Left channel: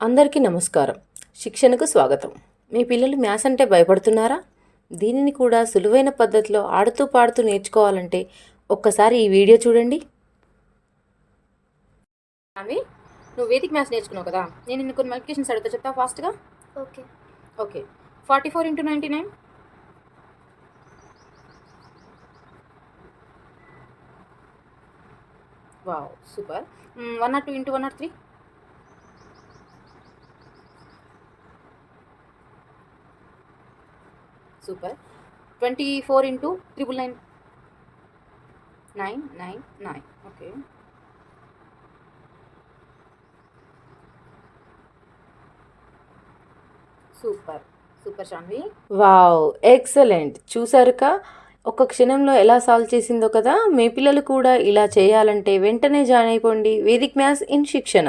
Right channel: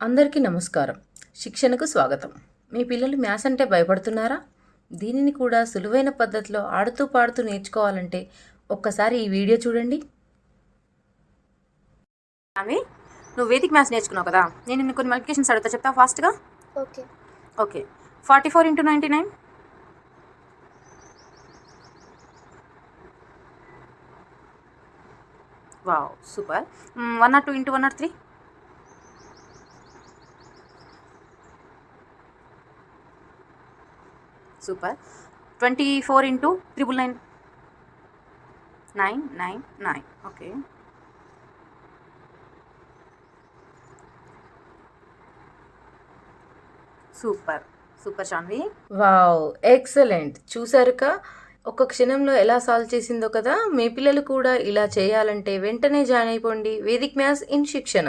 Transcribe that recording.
అందరికీ నమస్కారం. శిక్షణకు స్వాగతం. మీ పిల్లలు మ్యాథ్స్ అంటే భయపడుతున్నారా? దీనిని కూడా సులువైన పద్ధతిలో ఆడుతూ పాడుతూ నేర్చుకోవాలంటే ఒక్కసారి ఈ వీడియో చూడండి. అవి నువ్వు వేదిక్ మ్యాథ్స్ నేర్చుకున్నావు కదా, నేను నిన్ను కొన్ని మల్టిప్లికేషన్స్ అడుగుతా, చెప్తావు ఫాస్ట్గా? Okay. Okay. 44 × 99. Wow, super. 102 × 103. Super. 24 × 999. 999. Okay. Super super Shanvi. Wow, excellent. చూసారుగా ఒక క్షణంలో ఎలా సాల్వ్ చేసిందో కదా. మీ పిల్లలు కూడా ఇలా చేయాలంటే వెంటనే జాయిన్ అయిపోండి వేదిక్ మ్యాథ్స్ ఇన్ శిక్షణ.